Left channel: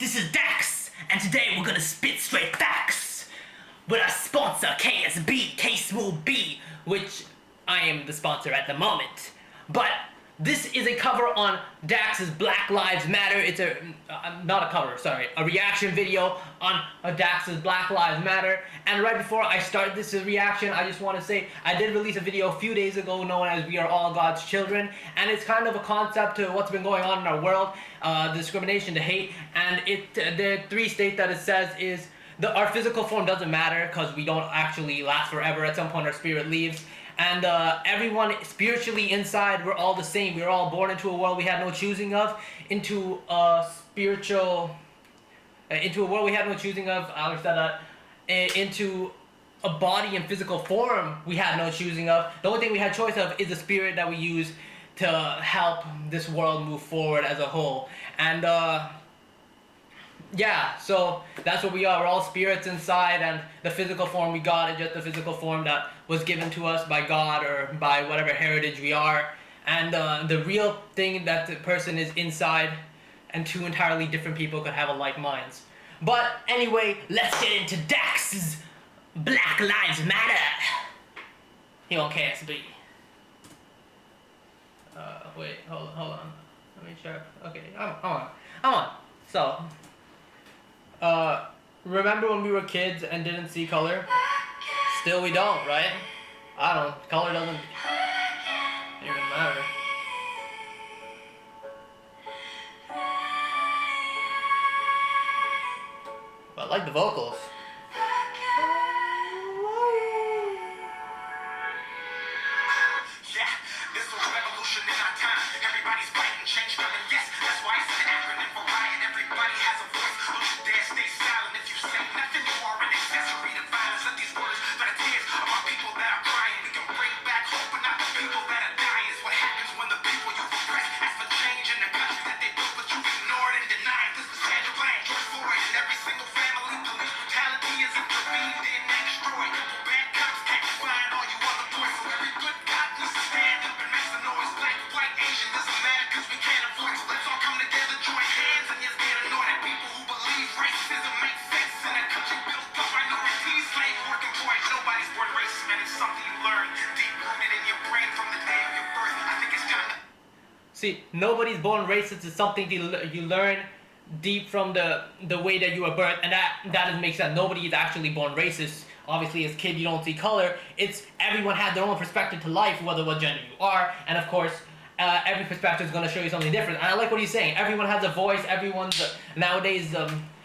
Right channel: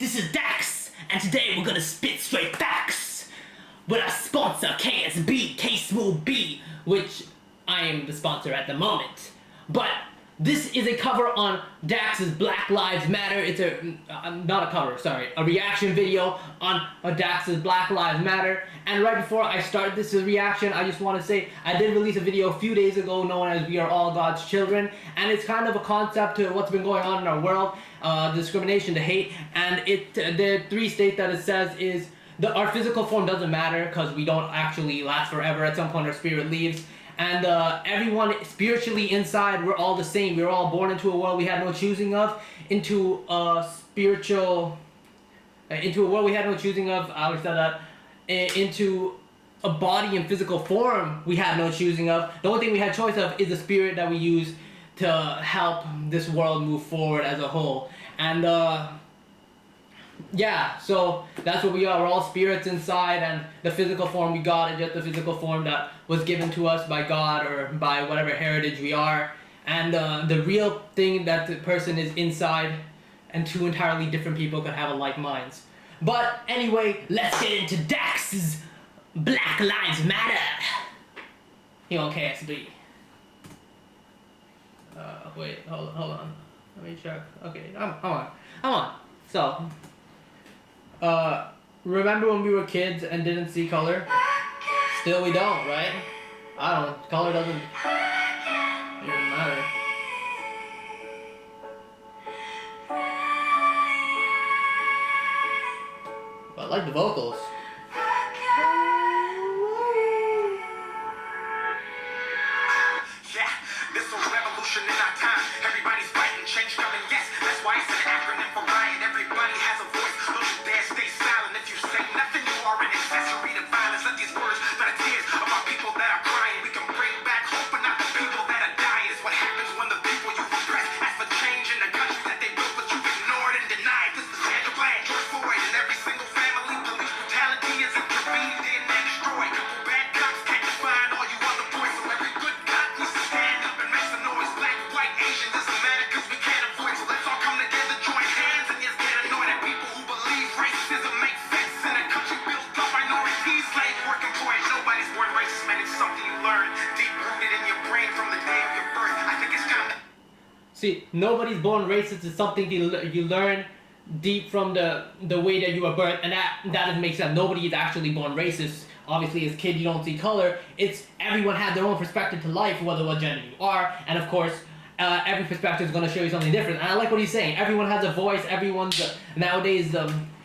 This is Dax, and today we're gonna spit straight facts with our sponsor KSB, K SmoothB, which I am the sponsor at the moment. But this is a cover on Dax's Black Lives Matter. It's not a cover, sorry, a reaction video on Dax's Black Lives Matter. And right before I start this reaction, I just want to say I did release a video a few days ago known as We Are All God's Children, and it's kind of a concept to what's been going on in our world, the discrimination, the hate, and the three states that it says is our physical form doesn't matter because we don't actually last forever. At some point our spirit leaves. And everyone spiritually inside, we're all the same. We were all born into a world we had no choosing of, into a world we had no choosing of. I always said that. Into a body and physical form we had no choosing of. The only thing we had choice of is the spirit that we use to help this world move forward as a whole. And yeah, so that's what we are. We're all spirits inside, and the physical form we got is just the physical form that was given to us by God or by whatever heritage we are. And the real thing that the person is inside, and two entirely different people could have alike minds. But anyway, let's get into Dax's Black Lives Matter. Here on KSB. Wait, hold on. Let me check. Okay, I'm on. So, remember when we were kids and didn't see color? Still we don't, right? I don't. Color doesn't even matter. I like the vocals. Yeah, this is a revolution in our time. Everybody's fighting, change coming, yes. That's why it's an acronym for riot. Everybody has a voice. Don't you dare stay silent. If you say nothing, you are an accessory to violence. Let these words that are tears of our people that are crying. We can bring back hope, but not the people that are dying. It's what happens when the people you oppress ask for change in the country that they built, but you've ignored and denied. This was Sandra Bland, George Floyd, and every single family. Police brutality is intervened in and destroyed. Couple bad cops can't define all you other boys. So every good cop needs to stand up and make some noise. Black, white, Asian, doesn't matter because we can't avoid. So let's all come together, join hands, and just get annoyed at people who believe racism makes sense in a country built on minorities, slave working boys. Nobody's born racist, man. It's something you learn deep rooted in your brain from the day of your birth. I think it's kind of. See, nobody's born racist is something you learn deep from the way that you were birthed, and that doesn't make sense. Nobody is actually born racist. Obviously, as a kid, you don't see color. It's everyone has their own perspective to life, whether what gender you are, and of course, every perspective is going to show you something different. And I like what he's saying. Everyone has a voice. Everyone's nowadays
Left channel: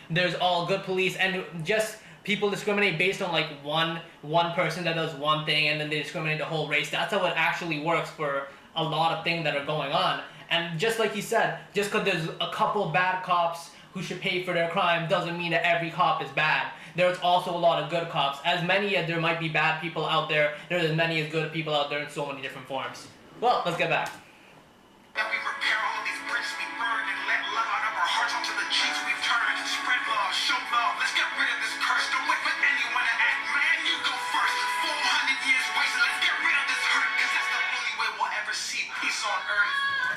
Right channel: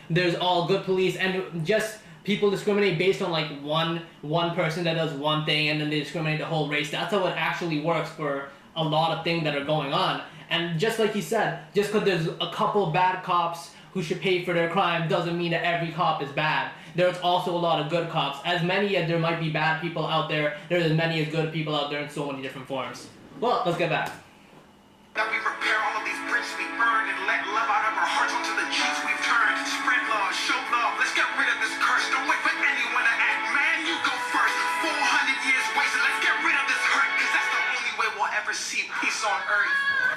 there's all good police, and just people discriminate based on like one person that does one thing, and then they discriminate the whole race. That's how it actually works for a lot of things that are going on. And just like he said, just because there's a couple of bad cops who should pay for their crime doesn't mean that every cop is bad. There's also a lot of good cops. As many as there might be bad people out there, there's as many as good people out there in so many different forms. Well, let's get back. That we repair all of these bricks we burned and let love out of our hearts onto the cheeks we've turned. Spread love, show love, let's get rid of this curse. Don't wait for anyone to act, man, you go first. 400 years wasted, let's get rid of this hurt, cause that's the only way we'll ever see peace on earth.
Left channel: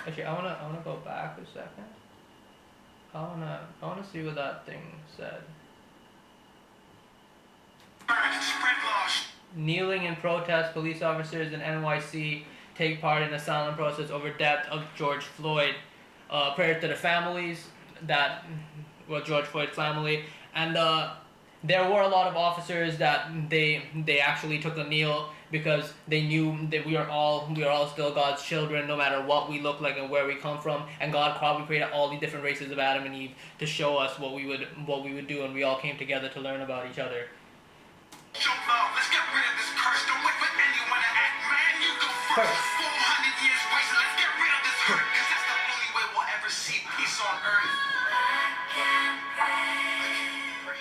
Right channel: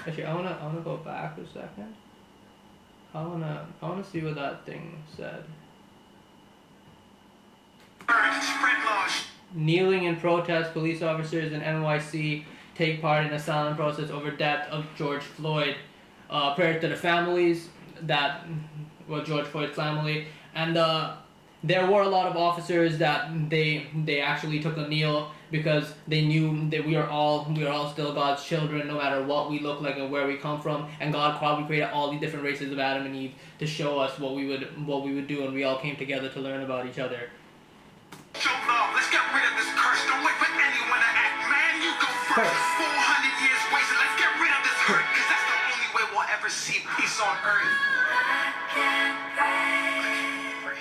Actually, I wanna go back a second. I wanna see what that thing said. Spread love. Kneeling in protest, police officers in NYC take part in a silent protest over death of George Floyd. Prayer to the families George Floyd's family, and there were a lot of officers that they actually took a kneel because they knew that we are all still God's children, no matter what we look like and where we come from. And God probably created all these different races of Adam and Eve to show us what we would do, and we all came together to learn about each other. Show love, let's get rid of this curse. Don't wait for anyone to act, man, you go first. 400 years wasted, let's get rid of this hurt, cause that's the only way we'll ever see peace on earth. I can't pray.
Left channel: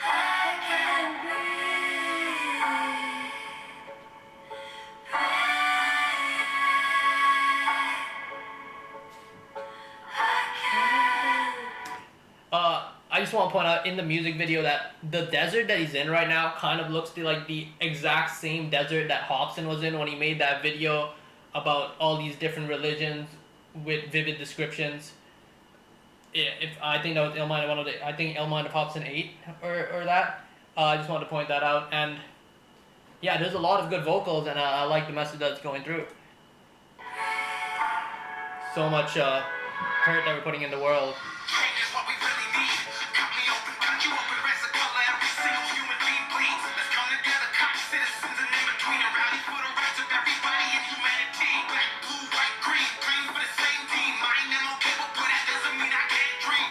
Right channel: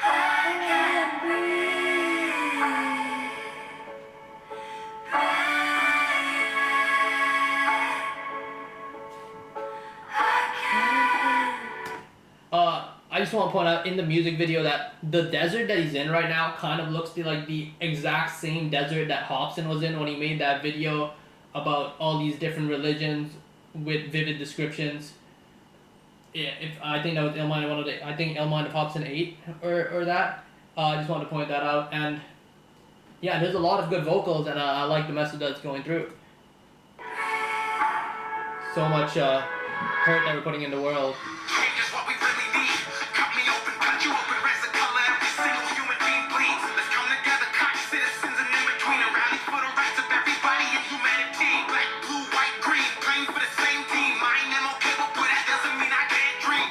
I can't breathe. I just want to point out in the music video that the desert that he's in right now kind of looks like the exact same desert that Hobson was in when he made that video about all these different religions with vivid descriptions. yeah, if I think that was Illminder one of the, I think Illminder pops in 8 or that. I just wanted to point that out, and yeah, there's a lot of good vocals, and I like the message that's going through. So much hurt that we're putting in the world. Change is what we really need. Cut me open, cut you open, raise the color, every single human being bleeds. Let's come together, cops, citizens, and in between, and rally for the rights of everybody in humanity. Black, blue, white, green, playing for the same team. Mine, them okay, but that doesn't mean I can't dream.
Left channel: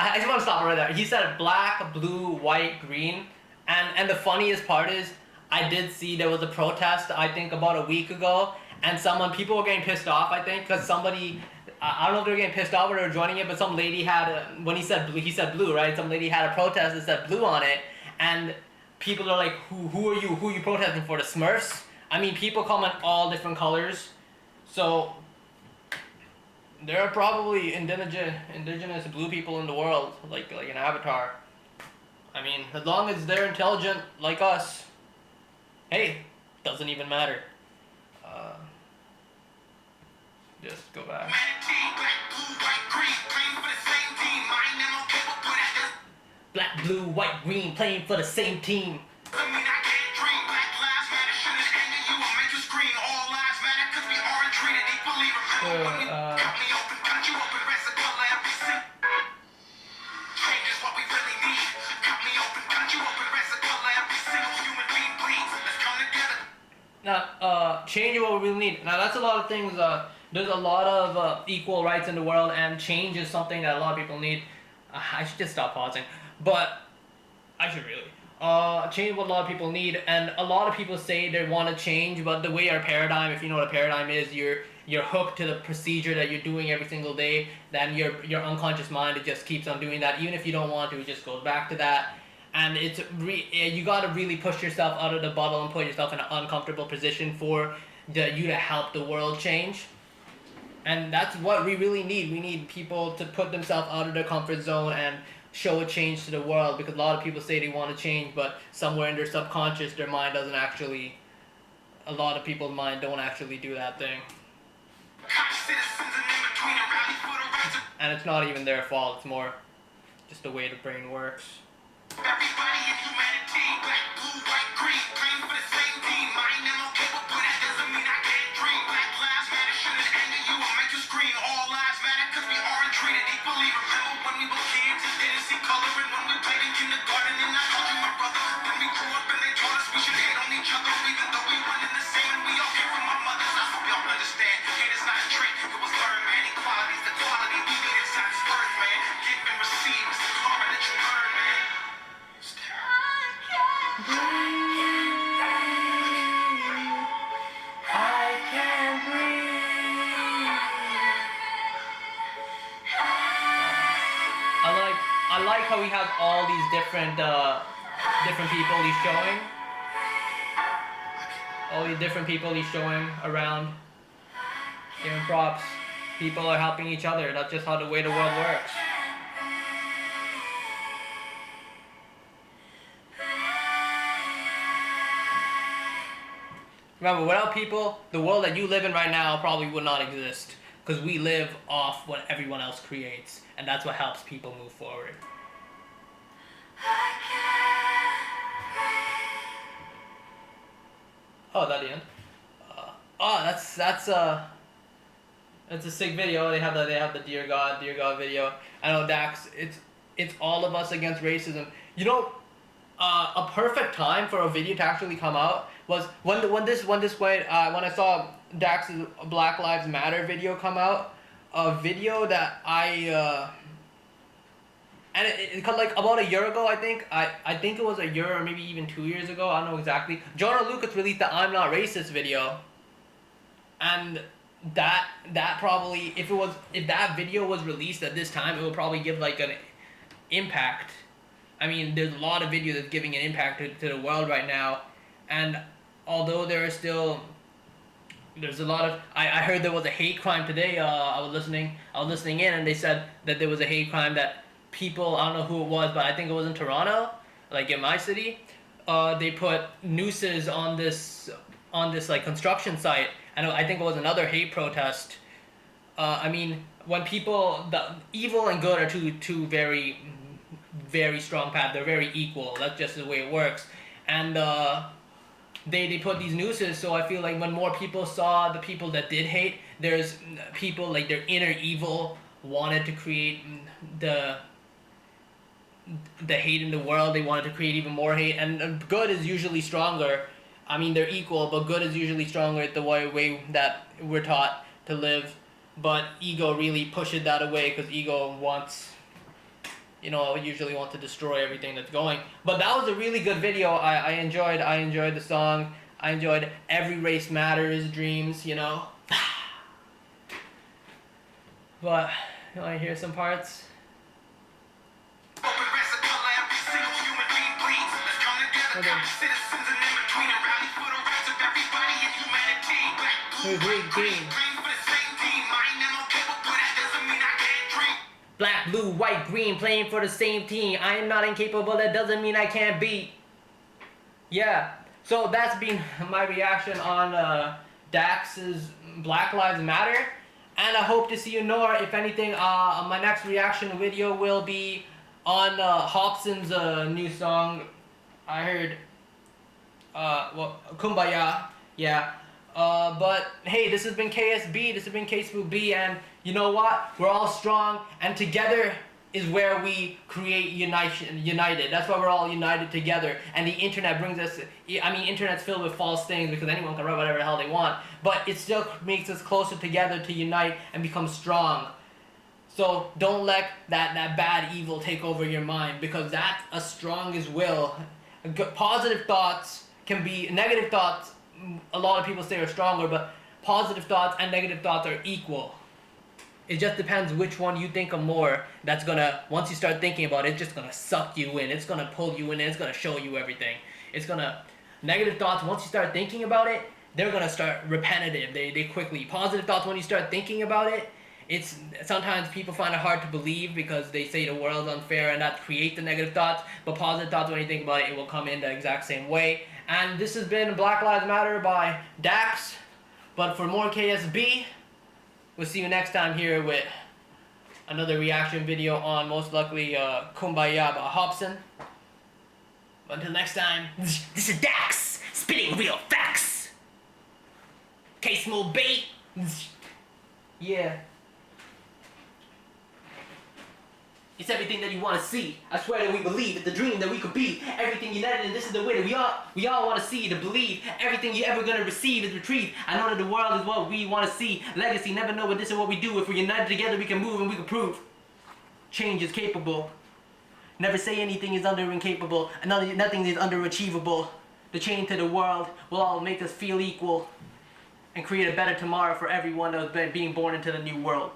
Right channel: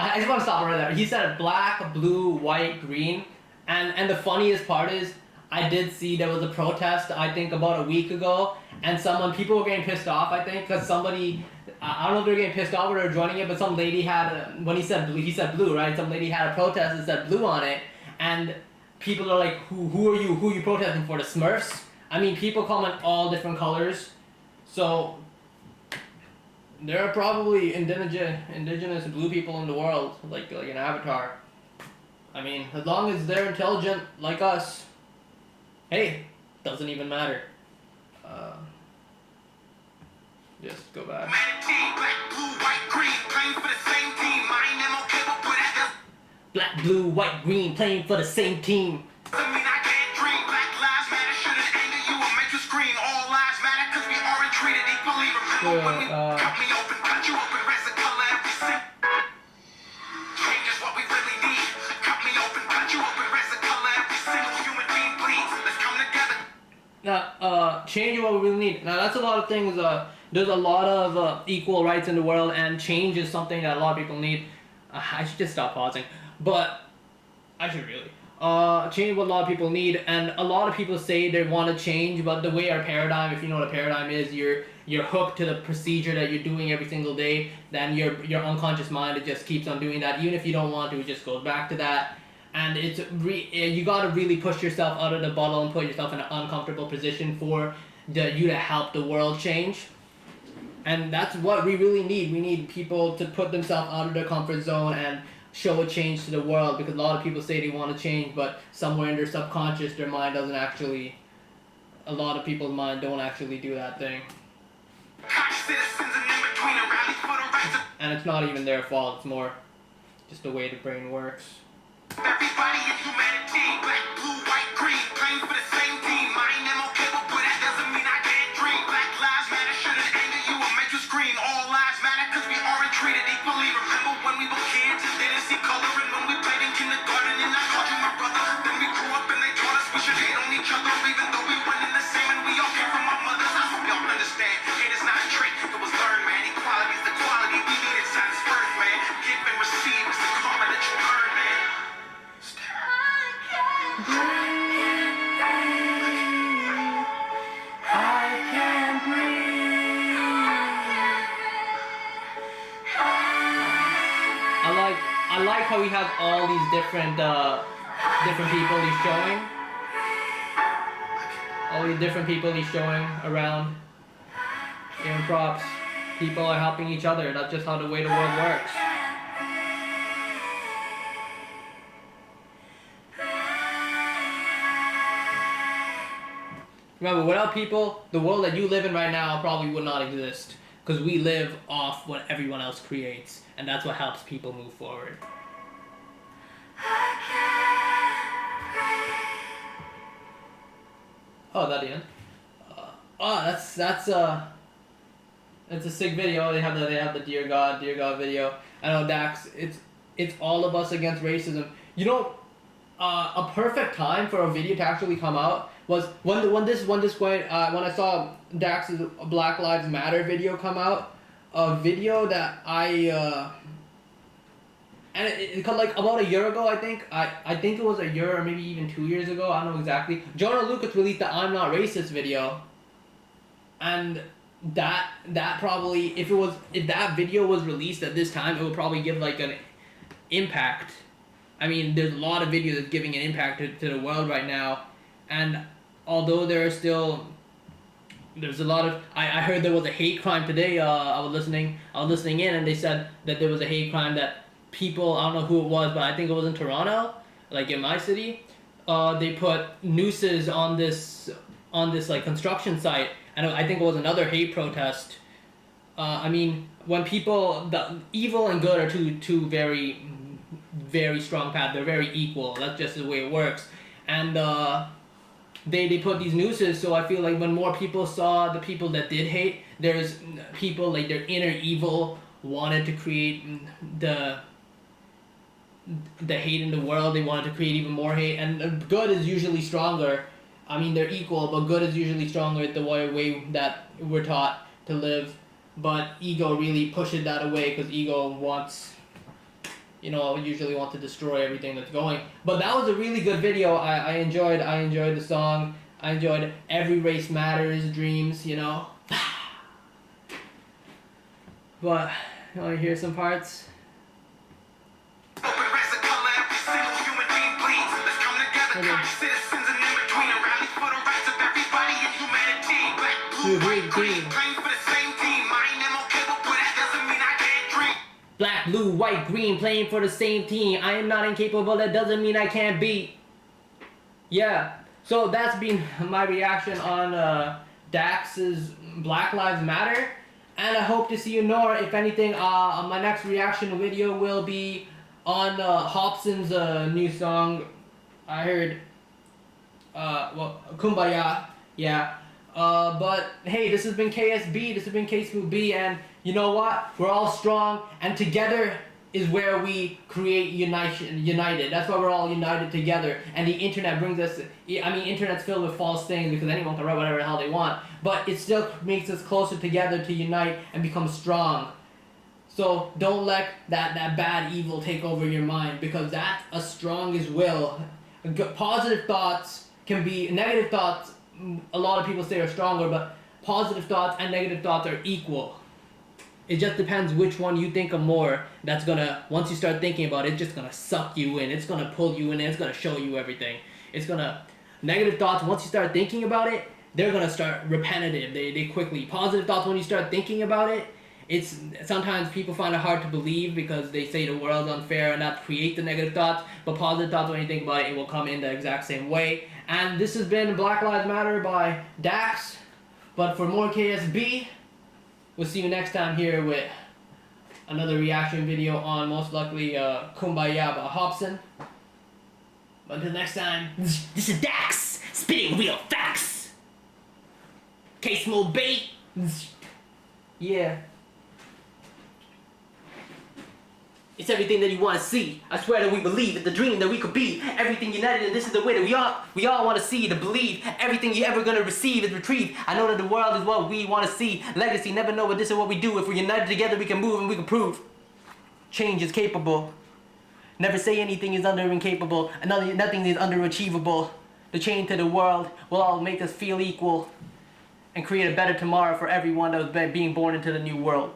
I just want to stop right there. He said black, blue, white, green, and the funniest part is I did see there was a protest I think about a week ago, and people were getting pissed off, I think, because somebody, I don't know if they were getting pissed off or they were joining it, but some lady had when he said blue, right? Some lady had a protest that said blue on it, and people are like, who are you protesting for? The Smurfs? I mean, people come in all different colors, so there are probably indigenous blue people in the world, like an Avatar. I mean, as long as they're intelligent like us, hey, doesn't even matter. Just go back. Black, blue, white, green, playing for the same team. I mean, I can't dream. Black lives matter, shouldn't anger you or make you scream. All lives matter, cause we aren't treated equally. Remember when we cut me open, cut you open, raise the color, every single. Change is what we really need. Cut me open, cut you open, raise the color, every single human being bleeds. Let's come together. Now, change is what we really need. Now, that's a lot of things. There's a lot of equal rights in the world, and change is something that a lot of people need. I should just stop pausing, but I should really. Change is what a lot of people need, and a lot of people say they want to change, but the way our paradigm, if you know what a paradigm is, you're hooked to the procedure that you're doing every single day, then your unconscious mind, it just keeps on doing that. Even if you don't want to, it just goes back to that. And you got to really push yourself out of the bottle and put yourself in an uncomfortable position for you to help the world change. And that's what we really need. We need people to put themselves out of their comfort zone and show a change to the world, because a lot of people say they want to change, but somewhere in their subconscious, their mind doesn't actually, a lot of people's mind don't actually do that thing. And it's not even their fault, it's more just the way the brain works. Everybody in humanity, black, blue, white, green, playing for the same team. Mine, them okay, but that doesn't mean I can't dream. Black lives matter, shouldn't anger you or make you scream. All lives matter, cause we aren't treated equally. Remember when we were kids and didn't see color, and when we played in kindergarten and I called you my brother. Then we grew up and they taught us we should hate on each other, even though we went in the same and we all came from our mothers. I hope y'all understand, hate is not a trick, it was learned, man. Equality is the quality we need inside this earth, man. Give and receive is the karma that you earn, man. I like how he has all these different people he's showing. All these different people he's showing around. Giving props. People are helping each other. That's just how the way the world works. Remember, without people, the world that you live in right now probably would not exist. Because we live off what everyone else creates. And that's what helps people move forward. Oh, that the end? That's a sick video. They have the Dear God video. I know, Dax, it's all of us against racism. You know, a perfect time for a video to actually come out was when I saw Dax's Black Lives Matter video come out. A video that and it like about a year ago, I think it was a year or maybe even 2 years ago, I don't know exactly. Jonah Lucas released the I'm Not Racist video, and that probably, if that video was released at this time, it would probably give like an impact. I mean, there's a lot of videos that's giving an impact to the world right now, and although there's a lot of, I heard there was a hate crime today. I was listening in, and they said that there was a hate crime that people, I don't know who it was, but I think it was in Toronto, like in my city. They put nooses on this like construction site, and I think it was another hate protest. I mean, when people, the evil and good are two very very strong paths. They're very equal. That's just the way it works. And they put these nooses, so I feel like when more people saw the people that did hate, there's people like their inner evil wanted to create the hate in the world. They wanted to create even more hate, and good is usually stronger. I mean, they're equal, but good is usually stronger the way that we're taught to live. But ego really pushes that away, because ego wants, usually want to destroy everything that's going. But that was a really good video. I enjoyed the song. I enjoyed Every Race Matters, Dreams, But, you want to hear some parts? Open race of color, every single human being bleeds. Let's come together, Okay. citizens and in between, and rally for the rights of everybody in humanity. Black, blue, white, green, playing for the same team. I ain't MLK, but that doesn't mean I can't dream. Black, blue, white, green, playing for the same team. I am not incapable, that doesn't mean I can't beat. Yeah, so that's been my reaction on Dax's Black Lives Matter. And I hope to see you more. If anything, my next reaction video will be on Hobson's new song. I heard, Kumbaya, yeah. But hey, this has been KSB, this has been K SmoothB, and you know what? We're all strong, and together is where we create united. That's why we're all united together. And the internet brings us, internet's filled with false things because anyone can write whatever the hell they want, but it still makes us closer together to unite and become strong. So don't let that bad evil take over your mind, because that's as strong as will. Positive thoughts can be, negative thoughts, a lot of people say are stronger, but positive thoughts and negative thoughts are equal. It just depends which one you think of more. That's gonna, once you start thinking about it, it's just gonna suck you in. It's gonna pull you in, and it's gonna show you everything. It's gonna, negative thoughts, once you start thinking about it, they're gonna start repetitive. They quickly. Positive thoughts, when you start thinking about it, it's, sometimes people find it hard to believe because they say the world's unfair, and that creates the negative thoughts. But positive thoughts, when you think about it, it will come in the exact same way. And this has been Black Lives Matter by Dax. But for more KSB, we'll see you next time here with another reaction video on, most likely, Kumbaya by Hobson. But until next time, this is Dax, spitting real facts. K SmoothB. Yeah. It's everything that you want to see. I swear that we believe it's the dream that we could be. Everything united, and this is the way that we all want to see, to believe. Everything you're ever going to receive is retrieved. I know that the world is what we want to see. Legacy, never know, but this is what we do. If we're united together, we can move and we can prove. Change is capable. Never say anything is incapable. Nothing is underachievable. The change to the world will all make us feel equal and create a better tomorrow for everyone that was being born into the new world.